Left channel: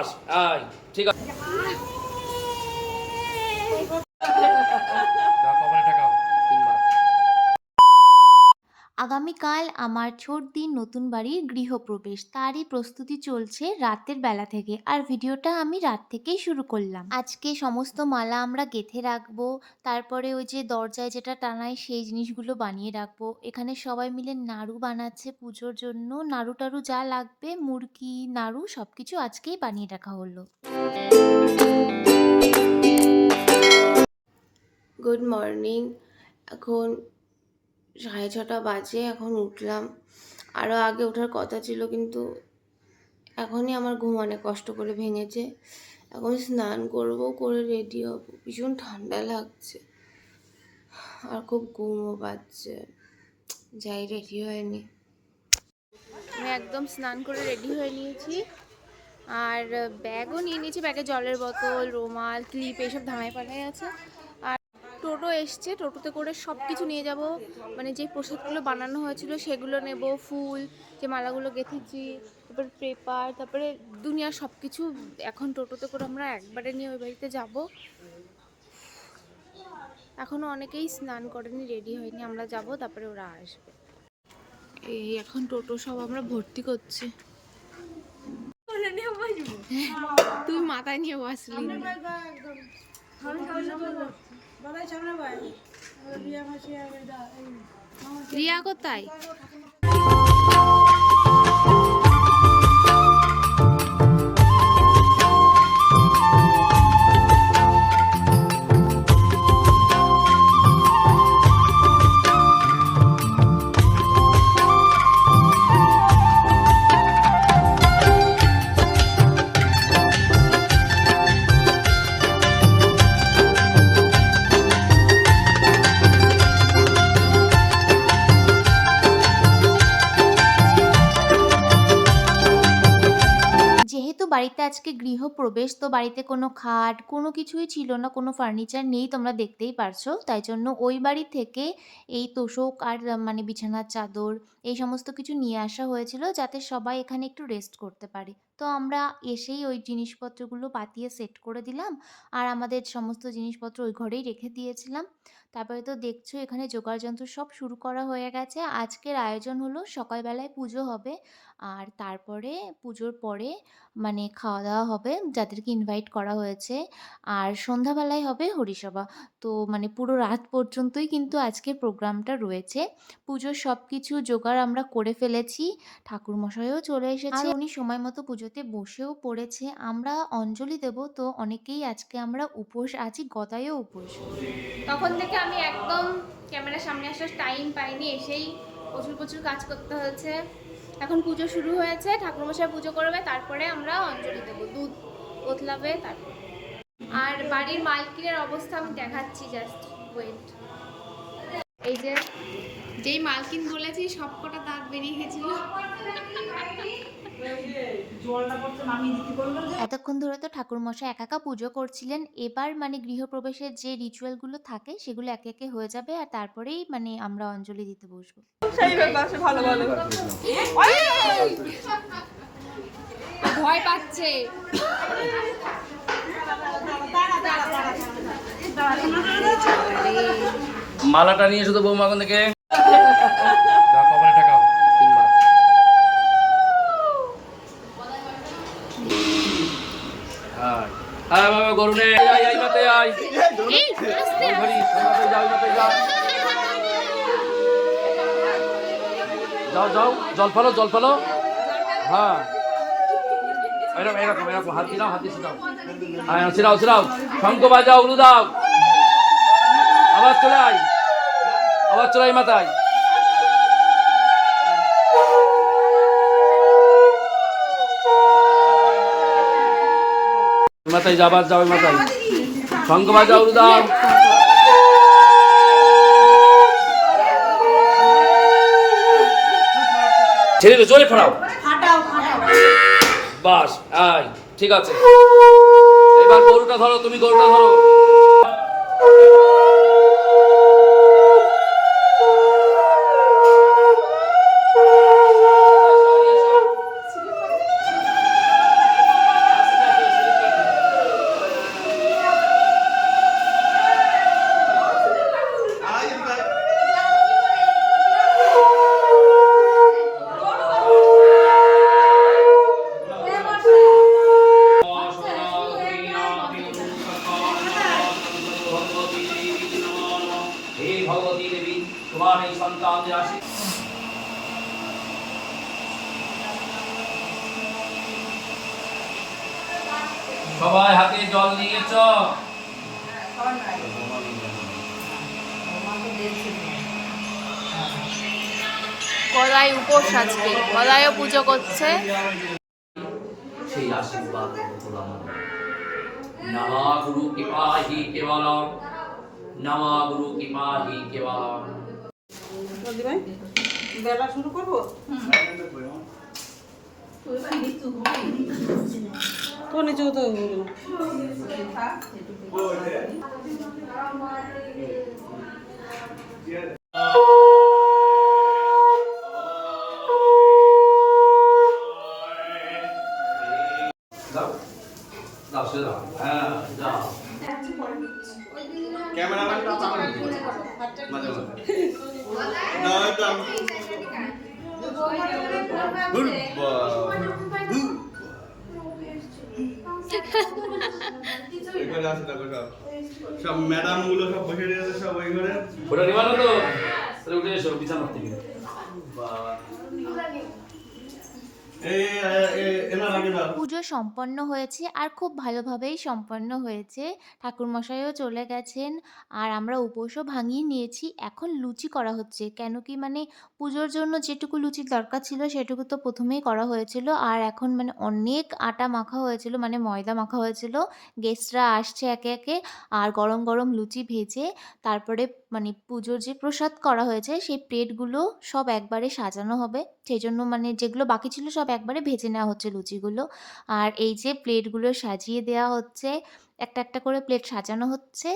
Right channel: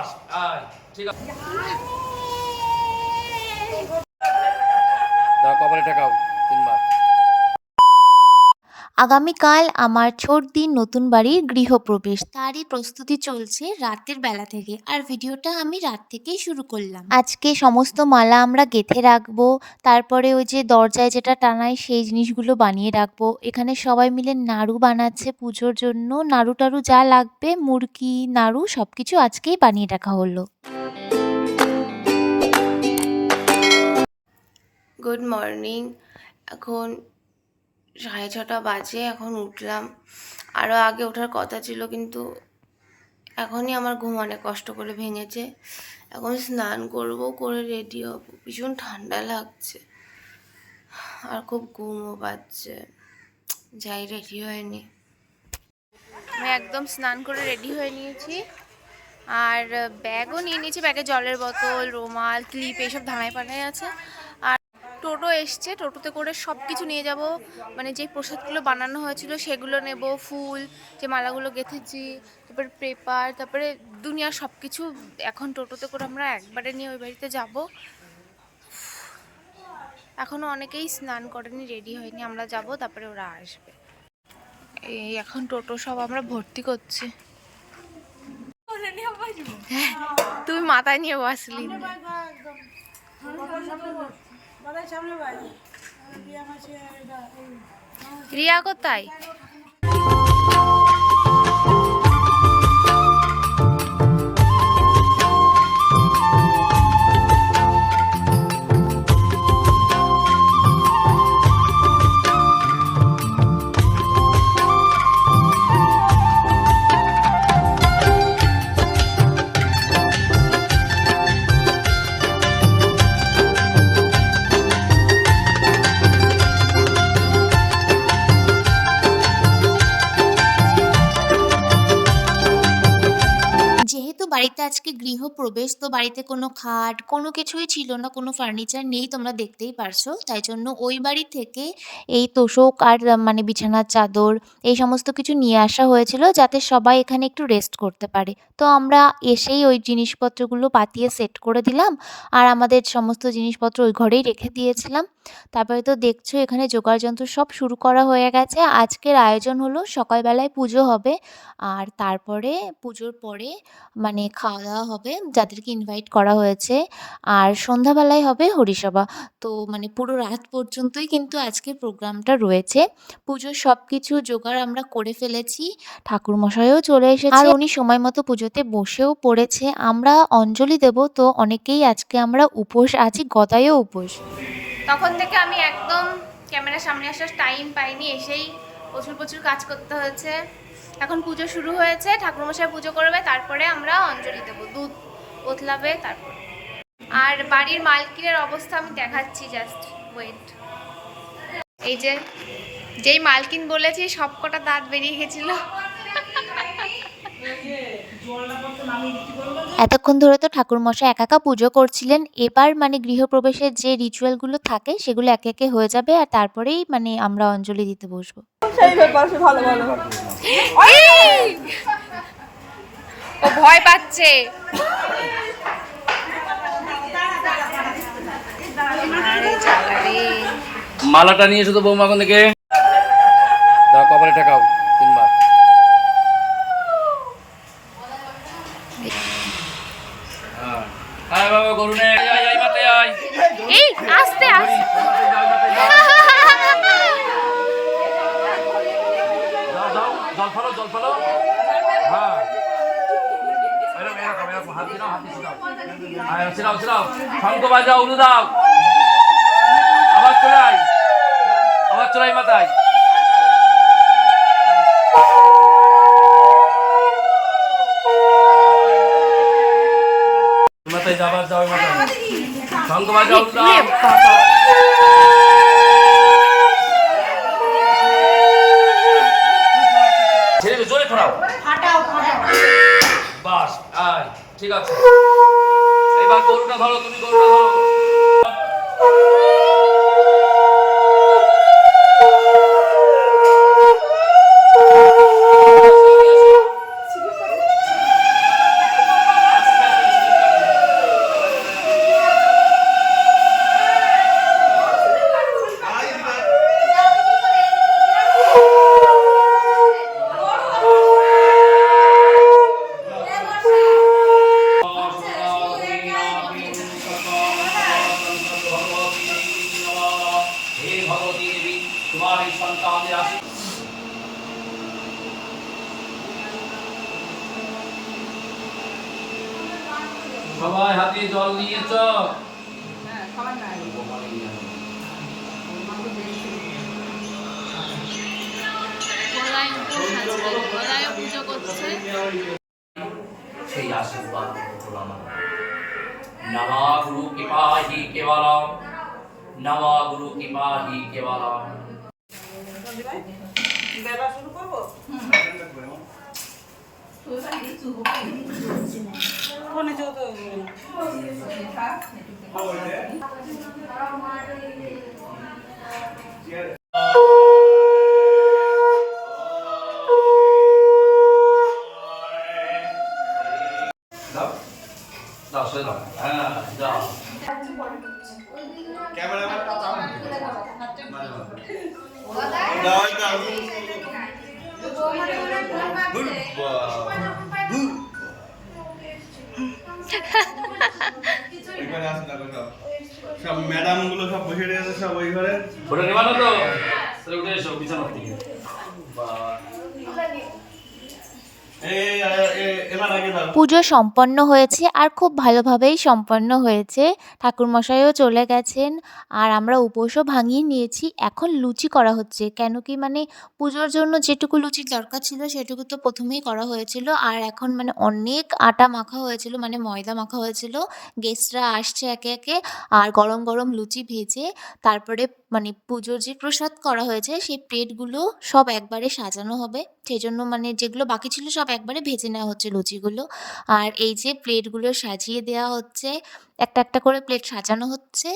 বাস আয় ঠিক আছে দাও কপালে ঠেকাও তিনবার। আগামীকাল আমার ছোটদিন নতুন বাড়ির গৃহপ্রবেশ, তারই প্রস্তুতি চলছে রাতের বেলা থেকে। আর ভিডিওটা আমি রাত থেকেই শুরু করলাম। আজকে সমস্ত মালা আমরা গেঁথে রাখবো, তারপরে ওই যে দরজায় যেটা টানাই সেই জিনিসগুলো বানিয়ে রাখবো। এখানে সবাই মিলে নাড়ু বানাচ্ছে পুজোর জন্য, নাড়ু টাড়ু যা লাগবে মুরকি নাড়ু সব কিছু আজকেই বানিয়ে রাখা হলো। Good morning. এখন 6:30 বাজে, এখন উঠলাম। আরও আগে ওঠার কথা ছিল, কিন্তু এখনই আমার ঘুম অনেক কষ্ট করে ভেঙেছে। এখন স্নান করব, করে রেডি হব। ভীষণ ঠান্ডা লাগছে আর খুব ঘুমও পাচ্ছে। যাই, রেডি হয়নি। আমি একদম স্নান করে রেডি হয়ে নিয়েছি, আর ব্যাগও নিয়ে নিয়েছি। ব্যাগে জলের বোতল, রুমাল, ক্লিপ এইসব ধানায় পানায় আছে। আর টোটো এসছে, টোটোতে করে সব কিছু নিয়ে যাব। মানে যে প্রসাদগুলো বানানো হয়েছিল সেগুলো নেব, ফুল, যে মালাগুলো গেঁথেছি, তারপরে পেপার, তারপরে দুনিয়ার সব কিছু এখন টোটোতে করে আমরা একবারে নিয়ে ওই বাড়িতে যাব। এখনও অনেকেই স্নান করেনি, রেডি হয়নি। আমরা যাব, তারপরে ওরা আসবে। এই এখন টোটো সব আমরা ভর্তি করছি। তুমি মাথায় নিয়ে বসলি। রিয়া কোথায়? যেহেতু বাড়িতে আজকে গৃহপ্রবেশ, তো বাড়িতে কোনো খাট কোনো কিছুই ছিল না, কোনো ফার্নিচার নেই, তোমরা দেখতেই পারছো। তাই জন্য ওই বাড়ি থেকে এই তোশক আর মানে বিছানার চাদর এই সমস্ত কিছু নিয়ে আসা হয়েছিল, যাতে সবাই এখানে একটু রেস্ট করতে পারে। তো আমরা এসেই ওই জিনিসপত্রগুলো পাতিয়ে সেট করে দিলাম, আর আমাদের সমস্ত জিনিসপত্র ওই ঘরেই রেখে দিয়েছিলাম। তারপরে তো দেখছো এখানে যোগাড়যন্ত্র সব শুরু করা হয়ে গেছে। আজকের আয়োজন হলো সকালবেলায় পুজো হবে, আর তারপরে পুজোর পরে মানে খাওয়া দাওয়া হবে যাদেরকে ইনভাইট করা হয়েছে, আর সন্ধ্যাবেলায় হবে হরিসভা। তো মানে পুরো রাত পর্যন্তই কিন্তু আজকের প্রোগ্রামটা রয়েছে। পুজোর সব কিছু জোগাড় আমরা করে ফেলেছি, ঠাকুরমশাইও চলে এসেছে, আর উনি সময় মতো পুজোতে বসেও পড়েছে। আমরা অঞ্জলি দেব, তো অনেকেই আজকে আমরা উপোস আছি, গদায়ও উপোস। তখন থেকে আমি একদম ক্যামেরার সামনে আসার টাইম পাইনি, এসেই প্রচুর প্রচুর কাজ করতে হয়েছে। এখন পুজো শুরু হয়েছে, ঠাকুরমশাই পুজো করবে, তারপরে আমরা অঞ্জলি দেবো, দুধ ওতলাবে তারপর। আর বাড়ির মালকিনের অবস্থা আমি দেখাচ্ছি, জাস্ট ওয়েট। এই যে যেই মালকিন বলেছি সব কটা দাঁত বেরিয়ে গেছিল। এতক্ষণ ধরে তো ঠাকুরমশাই একা একা পুজো করছিলেন। এবার মানে গৃহপ্রবেশের যে রিচুয়ালগুলো থাকে সেগুলো একে একে হয়ে যাবে, আর তারপরেই মানে আমরা অঞ্জলি দিতে বসবো। ও ভয় পাচ্ছে। মালাটা নিয়ে শুধু বৌমা কোন দিকে দাও কপালে ঠেকাও তিনবার। হ্যাঁ বাবা গরুনে আয় আয় মাতে আয়। এই আস্তে আস্তে। জল ফেলো জল ফেলো। হ্যাঁ এরকম এরকম এরকম হাত দিলাম, হাত দিয়ে ছিটাও। হ্যাঁ ছিটাও ছিটাও, শঙ্খ বাজাও, উলু দাও, আবার চড়াই, আবার চড়াই মাথায়। মাথায় যাবার যাও মাথায়, শঙ্খ বাজাও, উলু দাও। ছেড়ে দে, জোরে ফাটাও, বাস আয় ঠিক আছে। এবার গরুটা ধরো, তুমি গরুটা ধরো। আস্তে জল নিয়েছ? গলায় উপোস আজকে, গলায়ও পুজো করছে। সেই আশীর্বাদ করো আমার। নমা গুরু কৃপাহি কেবলম, নমা গুরু কৃপাহি কেবলম। বেলা শুরু করবো? কোনে যৌথ দাও দাও সে দাও, হ্যাঁ দাও। সব ম্যাডাম গুলো সব বসে রয়েছে সব ওই ঘরে। ওটা নেবা না তো? তাহলে উঠে এসো বিছানার থেকে। এবার আগে দাও। পুজো সম্পন্ন হয়েছে আর খুব ভালোভাবেই সম্পন্ন হয়েছে। ঠাকুরমশাইও চলে গেছেন আর আমরা উপোসও ভাঙিয়ে নিয়েছি। এখন লুচি করা হচ্ছে, কেন কি মানে পুজোর জন্য যেটুকু লুচির দরকার ছিল সেটুকু তো প্রথমেই করা হয়েছিল। আর এখন মানে অনেক আটা মাখা হয়েছিল, মানে ময়দা মাখা হয়েছিল। গেস্টরা আসছে একে একে, আর গরম গরম লুচি ভেজে তারপরে মানে পুজোর যে প্রসাদ করা হয়েছে সেই প্লেটগুলো সব একবারে সাজানো হবে। সেই জন্য মানে যেগুলো বাকি ছিল সব একবারে ভেজে নেওয়া হচ্ছে লুচিগুলো। আর এই যে প্লেটগুলো সাজিয়ে দেওয়া হচ্ছে, একটা একটা করে প্লেট সাজানো হচ্ছে।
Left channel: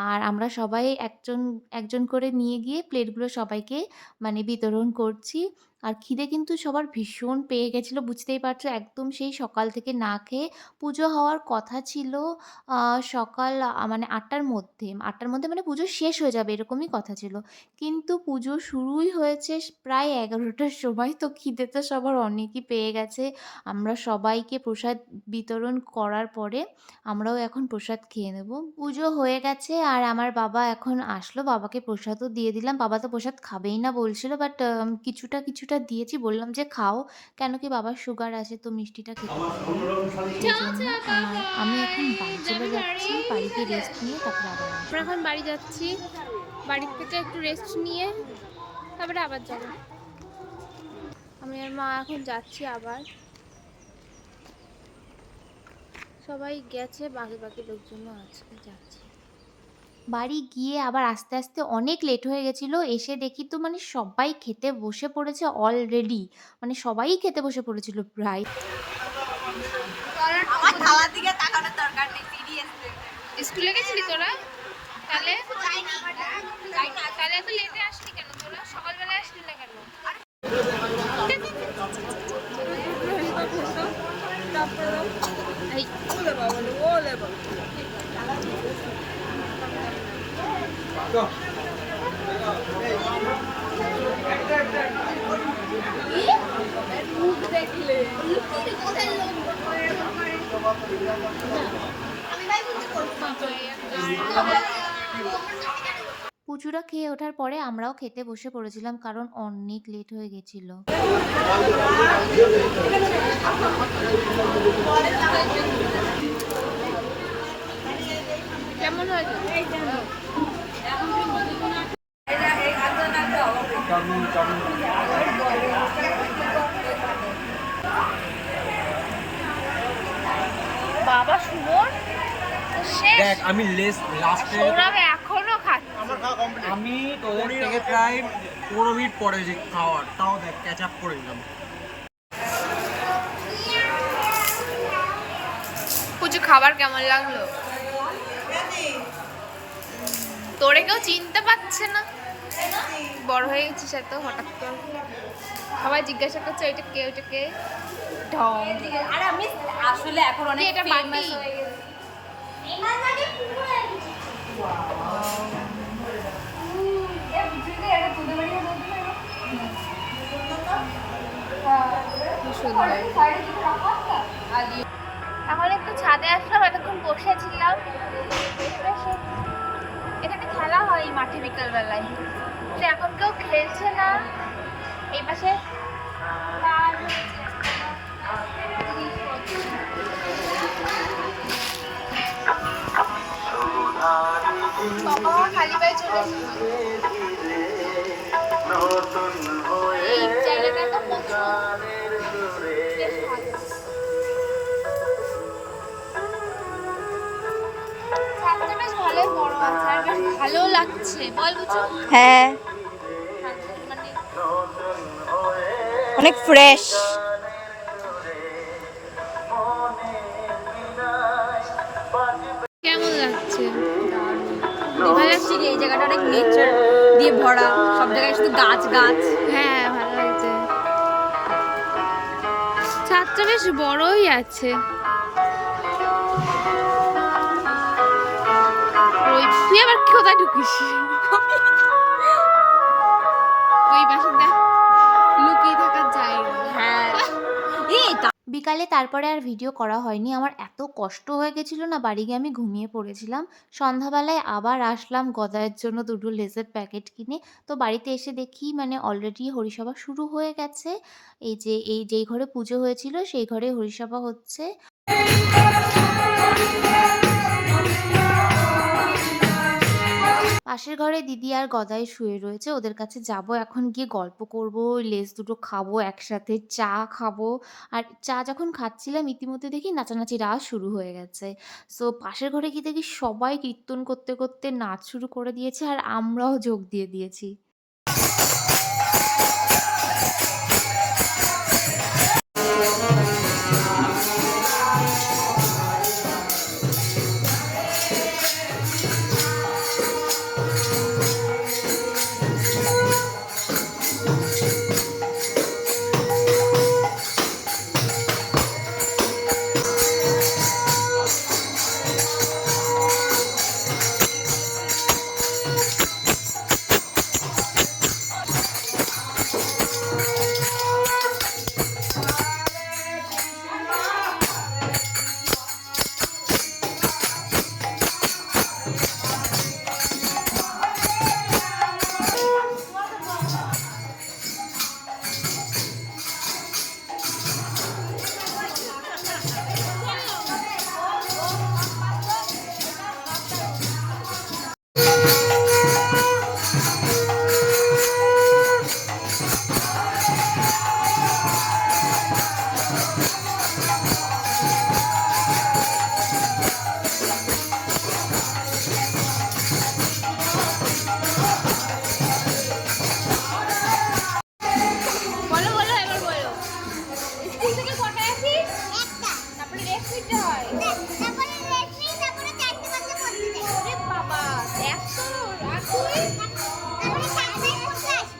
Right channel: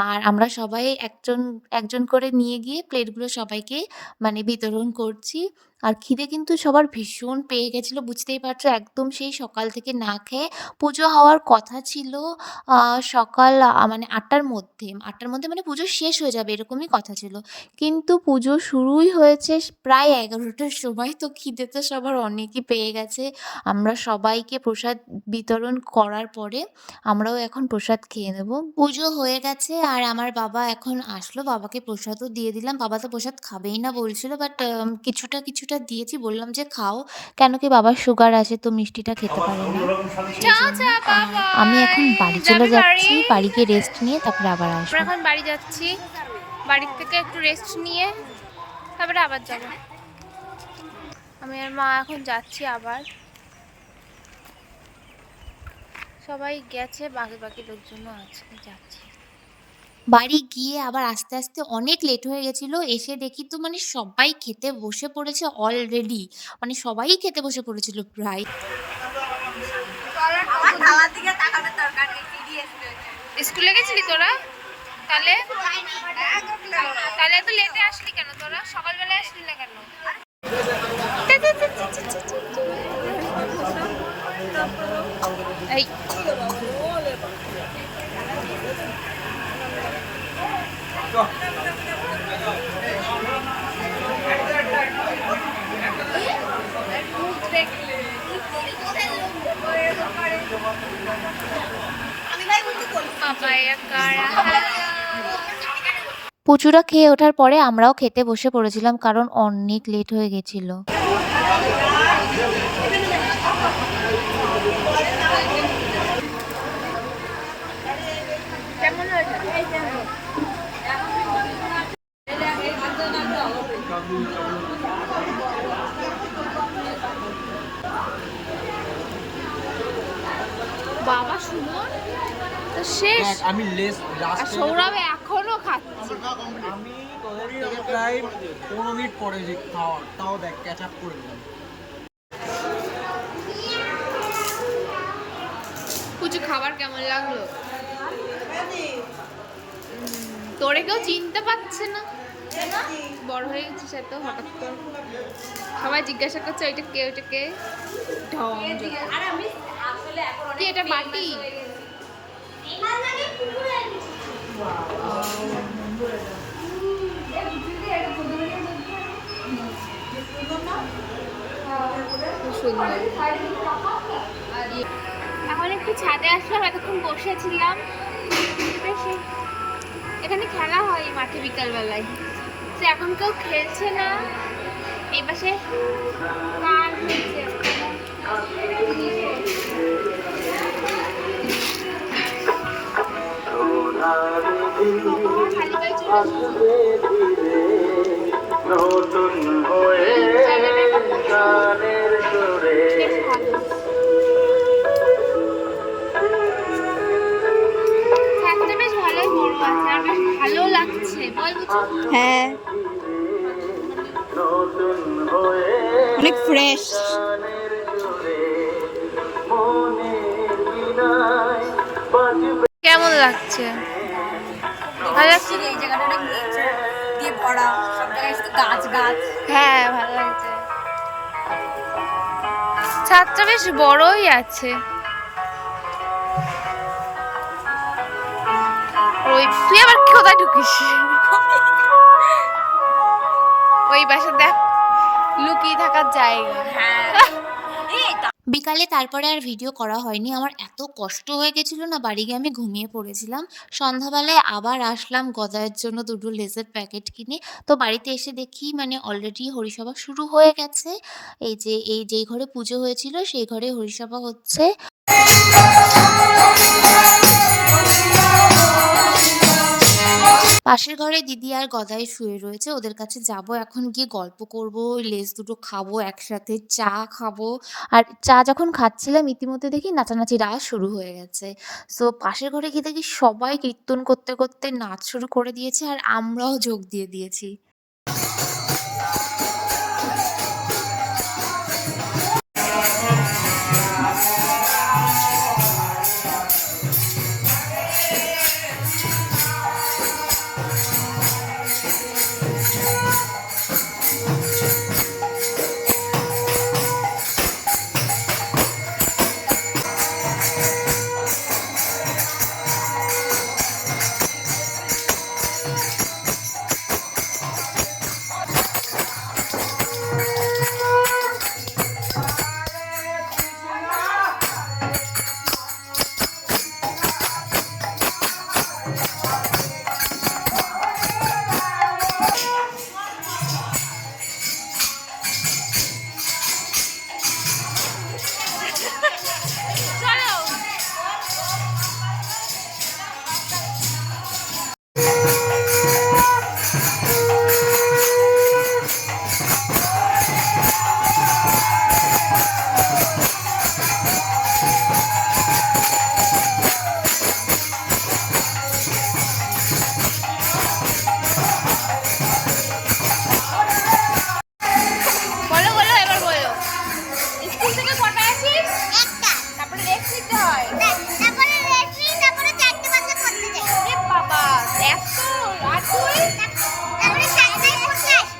আর আমরা সবাই একজন একজন করে নিয়ে গিয়ে প্লেটগুলো সবাইকে মানে বিতরণ করছি। আর খিদে কিন্তু সবার ভীষণ পেয়ে গেছিলো, বুঝতেই পারছো, একদম সেই সকাল থেকে না খেয়ে। পুজো হওয়ার কথা ছিল সকাল মানে ৮টার মধ্যে, ৮টার মধ্যে মানে পুজো শেষ হয়ে যাবে এরকমই কথা ছিল। কিন্তু পুজো শুরুই হয়েছে প্রায় ১১টার সময়। তো খিদে তো সবার অনেকই পেয়ে গেছে। আমরা সবাইকে প্রসাদ বিতরণ করার পরে আমরাও এখন প্রসাদ খেয়ে নেব। পুজো হয়ে গেছে আর আমার বাবা এখন আসলো, বাবাকে প্রসাদও দিয়ে দিলাম। বাবা তো প্রসাদ খাবেই না বলছিল, বাট কিছুটা দিয়েছি, বললাম যে খাও, কেন কি বাবার সুগার আছে তো মিষ্টিটা খেতে পারে না। আর আমি এখন বাড়ি চলে যাচ্ছি, বাড়ি গিয়ে রেস্ট নিয়ে তারপরে আবার আসবো। আমরা এখন বাড়ি যাচ্ছি, বাড়ির থেকে একটু রেস্ট নিয়ে তারপরে আবার যাব। আমি আর মা এখন যাচ্ছি আবার। সবাই গেছে, বাকি বাকি লোকজনও আজকে যাচ্ছে। বাড়ি গিয়ে আবার আস্তে আস্তে অনেক লেট হয়ে গেছিলো। এসে দেখি তো মানে সবাই খেতে বসে পড়েছে অলরেডি, মানে সবাই খেতে বসে পড়েছিল প্রায়। স্কুলে গেছিলি তোরা? তাহলে তাহলে এত লেটে আসলি কেন তোরা? সকালবেলায় আসলি না কেন? এই পুচুরা খেয়ে ওঠার পরে আমরাও খেতে বসে পড়েছিলাম, কারণ অনেক লেট হয়ে গেছিল। কেমন হয়েছে? বাবা সুমন শেষ। দেখ আমি লাস্টে সৌরভ এখনো খাচ্ছে। আমি তোদের থেকে প্রায় 15 মিনিট পরে যে খাওয়ার, তাও দেখ ক্যাচ আপ করে দিলাম। পুজো খাবার কেমন লাগলো? তোরে কেউ চিনতে পারছে না, বড় হয়ে গেছিস এত হঠাৎ করে। সবাই জিজ্ঞাসা করছে ওইটা কে, ওইটা কে। ঢং কি এটা বাটি? সুন্দর। এখন একটু ছাদে আসলাম, এতক্ষণ বসেছিলাম। এখানে খেলা হয় মাঠে বিকালবেলায়, তো এখন কেউ খেলছে না। এই পাশে কাজ হচ্ছে। বাবা খালি পায়ে চলে এই জায়গাটা একটা প্রচুর বেশ ভালো। ছাদটা বেশ ভালোই বড় আছে আর বেশ ভালো লাগছে বল বুঝু। হ্যাঁ মানে অনেক ফ্রেশ। কেমন লাগছে? ভালো লাগছে। এই জায়গাটা অনেক নেচার দিয়ে ভরা, সব জায়গায় শুধু গাছ গাছ। হ্যাঁ ভালো লাগছে। ছাদটা বেশ বড়ই আছে। ওই তুই আবার কোথায় ঢুকিস? ওই পাশে দেখ লুকিয়ে থাকার জায়গা। হ্যাঁ বিকালে তারপরে আর ভিডিও করা হয়নি। আমার এত কষ্ট হয়ে গেছিলো না, বাড়ি গিয়ে আমি ঘুমিয়ে পড়েছিলাম। সন্ধ্যাবেলায় আবার আসলাম গদায়ের জন্য দুটো লেসের প্যাকেট কিনে। তো বাড়িতে এসে দেখি মানে অলরেডি হরিসভা শুরু হয়ে গেছে। যেই ঘরে পুজো হয়েছিল সেই ঘরে হরিসভা হচ্ছে। পাশের ঘরে দিদি আর গদাই শুয়ে রয়েছে, ওদের কাছে যাব এখন, গিয়ে গল্প করব, লেস দুটো খাবো একসাথে, চা খাবো। আর চা যখন খাচ্ছিলাম ইতিমধ্যে দেখি নাচানাচি রাস শুরু হয়ে গেছে। সো পাশের ঘরে গিয়ে দেখি সবাই কীর্তন করতে করতে নাচ শুরু করে দিয়েছে আর আমরাও যোগ দিয়ে দিয়েছি। বলো বলো এবার বলো। স্কুল থেকে কটায় আসিস? একটা। তারপরে রেস্ট নিতে হয়। তারপরে রেস্ট নিই, তারপরে 4টে বাজে পড়তে যাই। এ বাবা এত আর তুই? তারপরে 7টায় পড়তে আসি।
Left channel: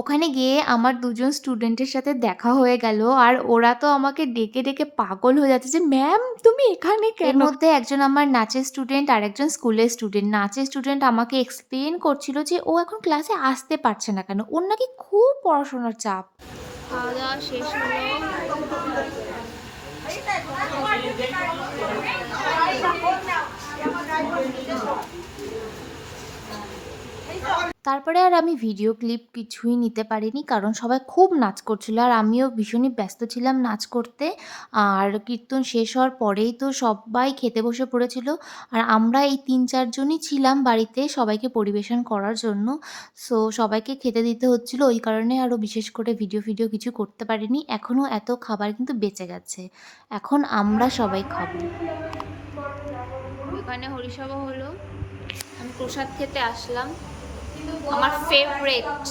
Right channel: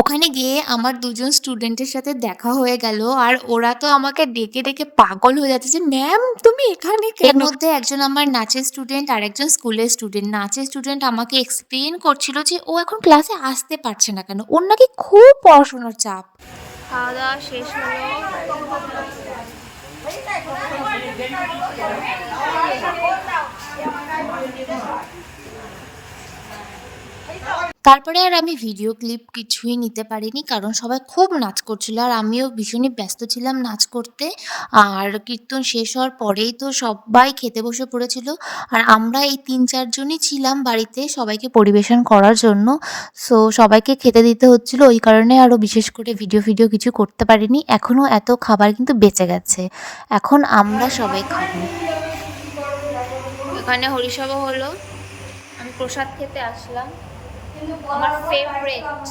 ওখানে গিয়ে আমার দুজন স্টুডেন্টের সাথে দেখা হয়ে গেল আর ওরা তো আমাকে ডেকে ডেকে পাগল হয়ে যাচ্ছে যে ম্যাম তুমি এখানে কেন? এর মধ্যে একজন আমার নাচের স্টুডেন্ট আর একজন স্কুলের স্টুডেন্ট। নাচের স্টুডেন্ট আমাকে এক্সপ্লেন করছিল যে ও এখন ক্লাসে আসতে পারছে না কেন, ওর নাকি খুব পড়াশোনার চাপ। খাওয়া দাওয়া শেষ হলো। তারপরে আর আমি ভিডিও ক্লিপ কিছুই নিতে পারিনি, কারণ সবাই খুব নাচ করছিল আর আমিও ভীষণই ব্যস্ত ছিলাম নাচ করতে। আর কীর্তন শেষ হওয়ার পরেই তো সবাই খেতে বসে পড়েছিল আর আমরা এই 3-4 জনই ছিলাম বাড়িতে সবাইকে পরিবেশন করার জন্য। সো সবাইকে খেতে দিতে হচ্ছিল, ওই কারণে আরও বিশেষ করে ভিডিও কিছু করতে পারিনি। এখনও এত খাবার কিন্তু বেঁচে গেছে, এখন আমরা সবাই খাবো। এখানে হরিসভা হলো, আমি প্রসাদ খেতে আসলাম। আমার ফেভারেট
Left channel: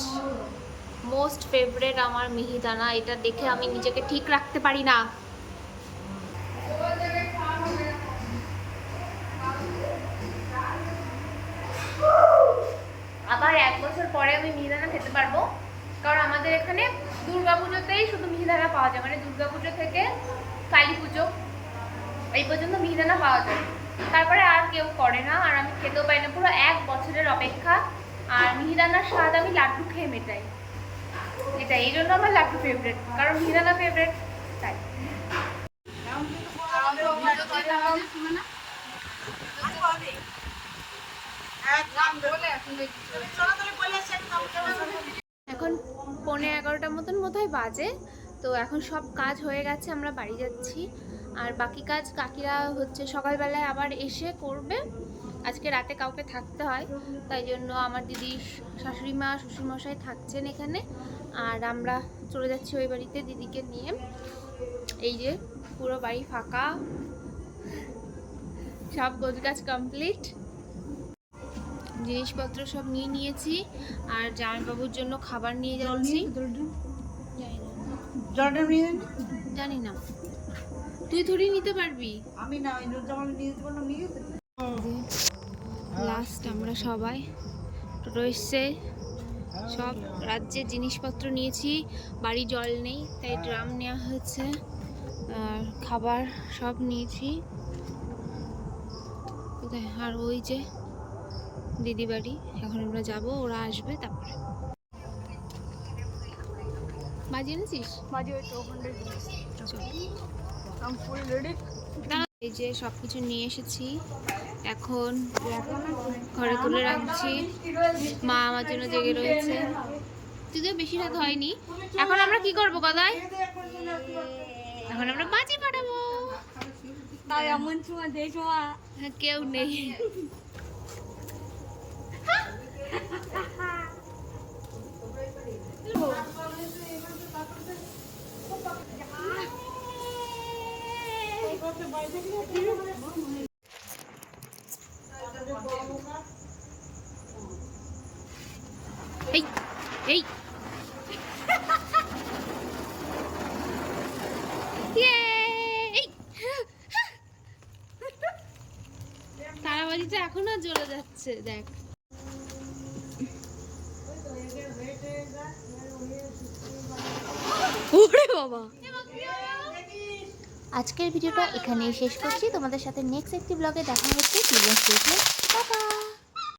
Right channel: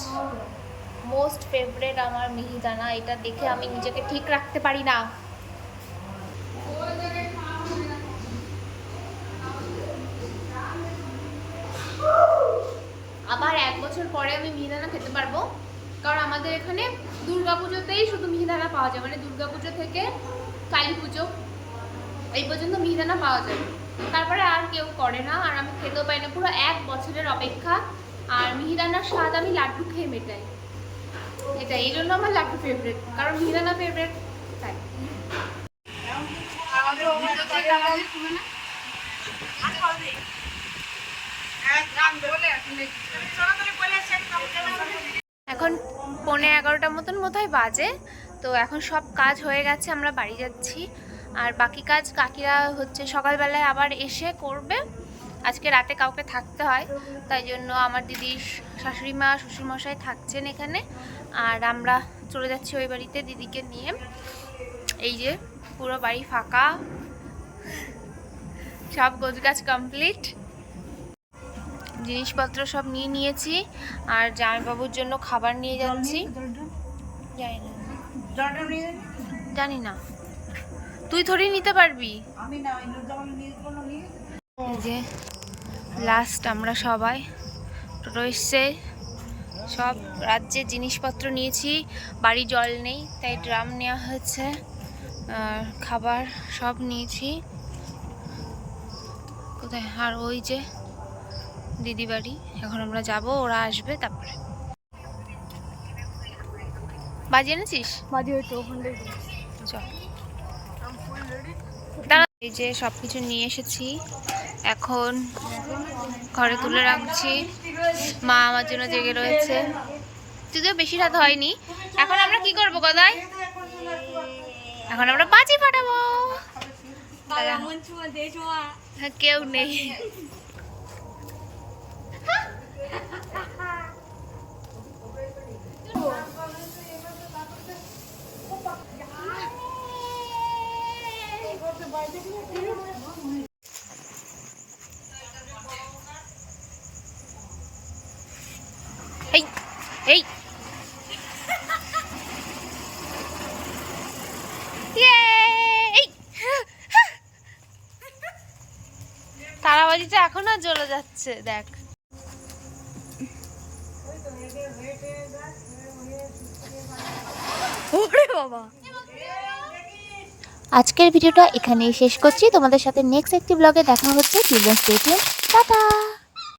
মোস্ট ফেভারেট আমার মিহিদানা, এটা দেখে আমি নিজেকে ঠিক রাখতে পারি না। আবার 1 বছর পরে আমি মিহিদানা খেতে পারবো, কারণ আমাদের এখানে দুর্গাপুজোতেই শুধু মিহিদানা পাওয়া যায়, মানে দুর্গাপুজো থেকে কালী পুজো এই পর্যন্ত মিহিদানা পাওয়া যায়, তারপরে আর কেউ করে না আর আমি খেতেও পাই না। পুরো 1 বছরের অপেক্ষা। আর মিহিদানার স্বাদ আমি লাড্ডু খেয়ে মেটাই, এটা এই জন্য আমার লাড্ডু ফেভারিট, কারণ মিহিদানা ফেভারিট তাই। এখন 11:15 মতন বোধহয় বাজে। তো এখন সব কাজ হয়ে গেছে, আমরা বাড়ি যাচ্ছি। আর বাকি কাজ কাকিরা হচ্ছে সকালবেলায় আবার এসে করবে। আজকে রাতে কাউকে থাকতে হয়, তাই জন্য আমার দিদির শাশুড়ি মা শ্বশুরমশাই থাকছেন এখানে, আর আমরা চলে যাচ্ছি ওই বাড়িতে দিদিকে নিয়ে। এই যে পুরো বাড়ি ফাঁকা, সব গোছগাছ কমপ্লিট, জিনিসপত্র সব নিয়ে নিয়েছি, আর জামাইবাবুর জন্য খাবার নিয়ে যাচ্ছি। জানি না, জলটা নিয়ে জানি না, তুই থোড়ি নিতে পারবি। আমি না জামা নিয়ে যেতে বললাম, নিয়ে যেতে। এই যে লাস্ট আমরা সবাই টোটো এসছে, সব রাজ্যের জিনিসপত্র নিয়েছি। বাড়ি জল নেই তাই ড্রাম নেওয়া হয়েছে, আর খাবার সব নিয়েছি। কোথায়? আর ওই যে দিদি বাড়ি, এখন আমরা যাব, ওরা আসবে তারপরে। বাজি এনেছিস? মাঝে হয়তো ওখানে চল। দাঁড়া, এই যে সব কিছু নিয়ে এসেছি, এখন ঘরে তুলে রাখছি। মা আমার জন্য জেগে রয়েছে, যদিও বেশি রাত হয়নি। এখন আমরা কি করবো গদাই? এখন আমরা বাজি ফাটাবো। হ্যাঁ, কেউ নেই। এই এই তারাবাজিটা এখনো জ্বলে যাচ্ছে, দেখ। ওরে বাবা। আজকের ভিডিওটা এখানেই শেষ করছি। তোমাদের সাথে নেক্সট একটি ব্লগে দেখা হচ্ছে। Children's day, tata.